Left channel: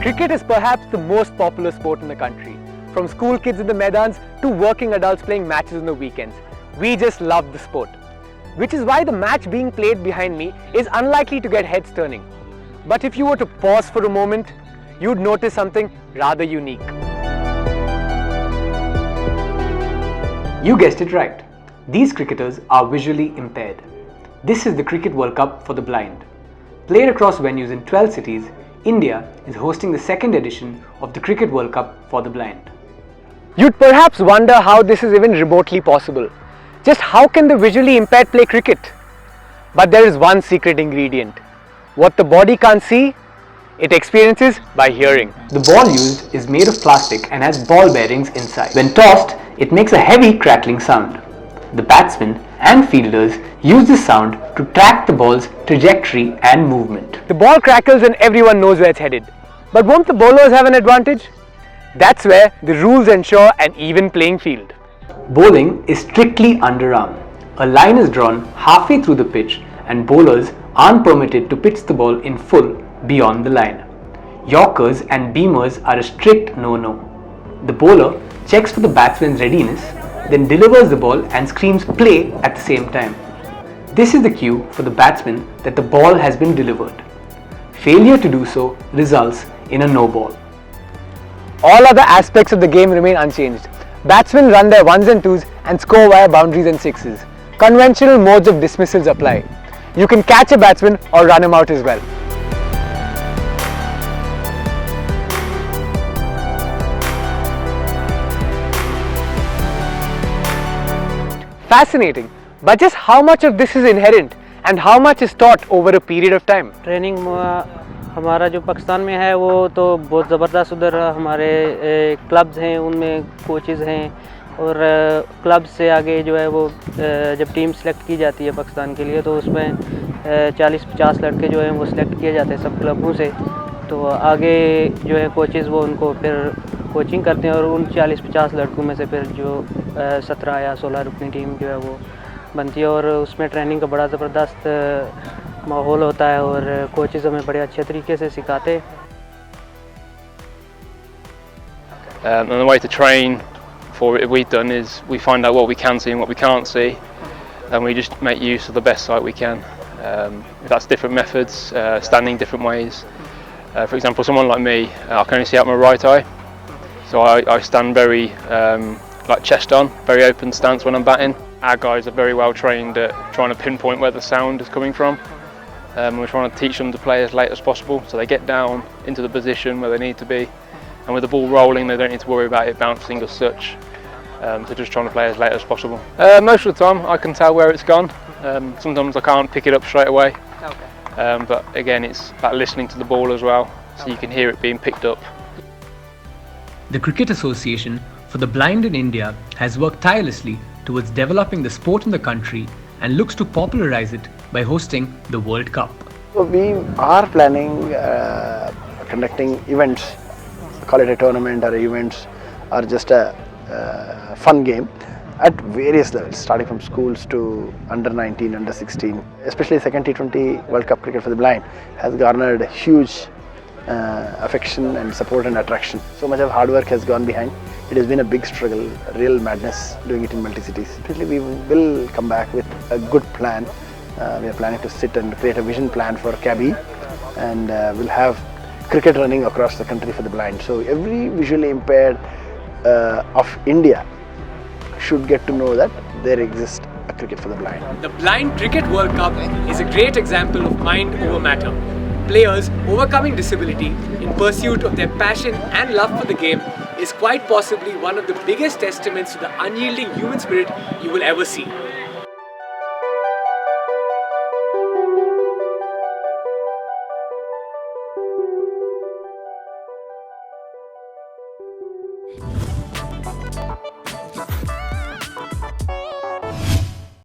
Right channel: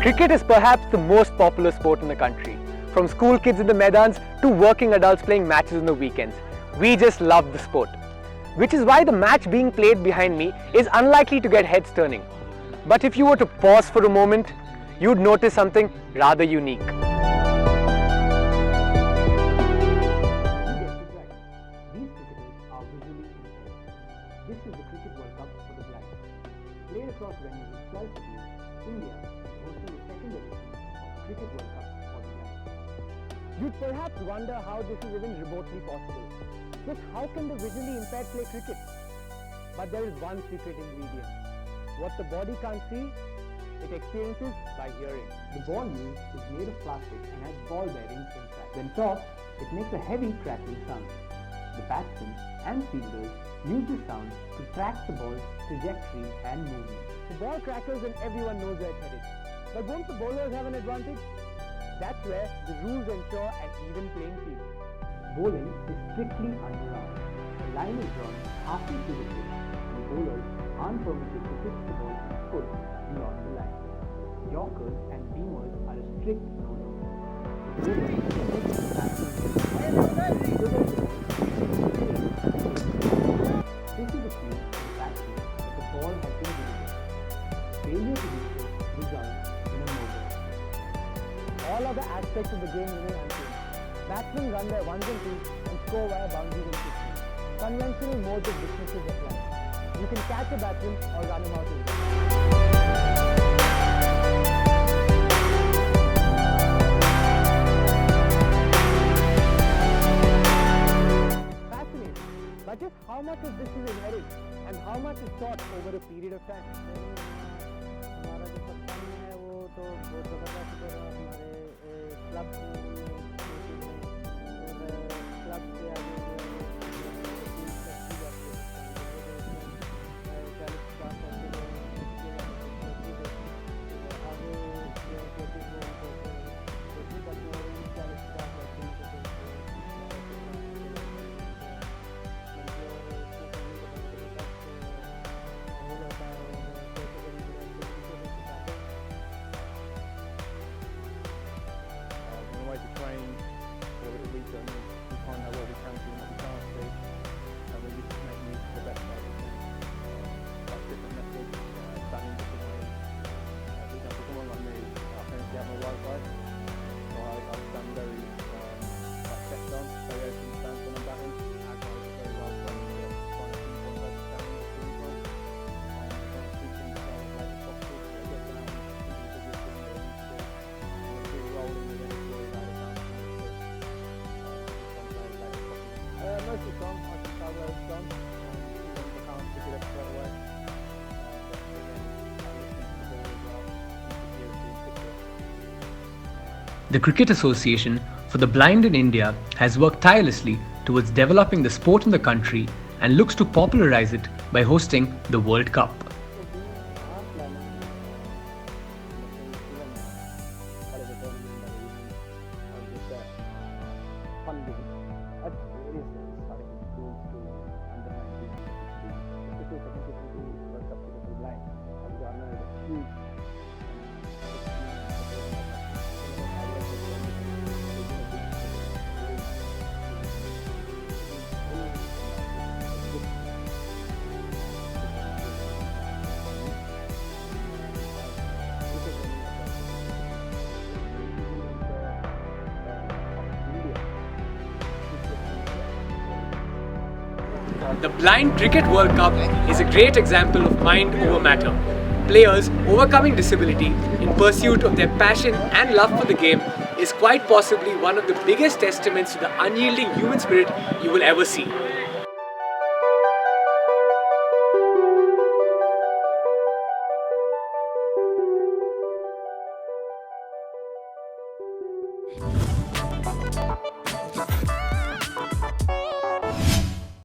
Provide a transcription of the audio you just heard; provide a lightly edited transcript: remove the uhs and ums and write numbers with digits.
Cricket is perhaps the most popular sport in the country. From school kids in the Maidans to working adults playing matches on the weekends. We just love the sport. Which is why the match being played behind me is unlikely to get heads turning. But if you were to pause for a moment, you'd notice something rather unique. You guessed it right. These cricketers are visually impaired. This is the Cricket World Cup for the blind. Played across venues in 12 cities, India is hosting the second edition of the Cricket World Cup for the blind. You'd perhaps wonder how this is even remotely possible. Just how can the visually impaired play cricket? But there is one secret ingredient. What the body can't see, it experiences by hearing. The ball used is made of plastic and has ball bearings inside. When tossed, it makes a heavy crackling sound. The batsmen and fielders use this sound to track the ball's trajectory and movement. The ball crackles and everyone knows where it's headed. But won't the bowlers have an advantage? That's where the rules ensure an even playing field. Bowling is strictly underarm. A line is drawn halfway through the pitch and bowlers aren't permitted to pitch the ball in full beyond the line. Yorkers and beamers are a strict no-no. The bowler checks for the batsman's readiness, then delivers the ball and screams play at the same time. This is the cue for the batsman that the ball has been delivered. Failure to do so results in a no ball. All other aspects of the game remain unchanged. Batsmen run their ones and twos and score via boundaries and sixes. Conventional modes of dismissals apply. You can catch a batsman or run him out as well. Fascinating, but just how much of this is inherent and how much is taught over a period of time? Training हमारा जो पाकिस्तान में है वो तो बहुत ज़बरदस्त, उधर हमारे क्लब्स हैं, उनमें कोचेज़ हैं और क्लब से आगे जो है वो जब टीम सेलेक्ट की जाती है पाकिस्तान के लिए तो उसमें 40-50 लड़के जो हैं वो सिलेक्ट किए जाते हैं सब क्लबों से। तो आगे जो है कोचेज़ वो उनको फिर कोचिंग करते हैं और उन 40-50 लड़कों में से फिर जो 17 या 16 रुकनी टीम जो है वो बनती है और उसमें ट्रेनिंग का बड़ा ज़बरदस्त माहौल होता है और कोचेज़ हमें बड़े अच्छे तरीके से सिखाते हैं। And the way to train for it we've done is we find out what we can see and what we can't see, and we just make use of the best sight we can. That's different methods, standing different ways. For example, someone like me, I can only see out my right eye, so I stand very like chest on, very open stance when I'm batting. Our guys are very well trained at trying to pinpoint where the sound is coming from. We're trying to teach them to play as late as possible, so they get down into the position where they need to be, and with the ball rolling they don't need to worry about it bouncing as such. So just trying to play as late as possible. Most of the time I can tell where it's gone. Sometimes I can't pick it up straight away. But again, it's about listening to the ball as well, so you can hear it being picked up. The Cricket Association for the Blind in India has worked tirelessly towards developing the sport in the country and looks to popularize it by hosting the World Cup. So we are planning conducting events, call it a tournament or events or just a fun game at various levels, starting from schools to under 19, under 16. Especially second T20 World Cup Cricket for the Blind has garnered huge affection and support and attraction. So much of hard work has gone behind. It has been a big struggle, real madness doing it in multi-cities. Definitely we will come back with a good plan. We are planning to sit and create a vision plan for Kabi, and we'll have cricket running across the country for the blind. So every visually impaired of India should get to know that there exists a cricket for the blind. The Blind Cricket World Cup is a great example of mind over matter. Players overcoming disability in pursuit of their passion and love for the game is quite possibly one of the biggest testaments to the unyielding human spirit you will ever see.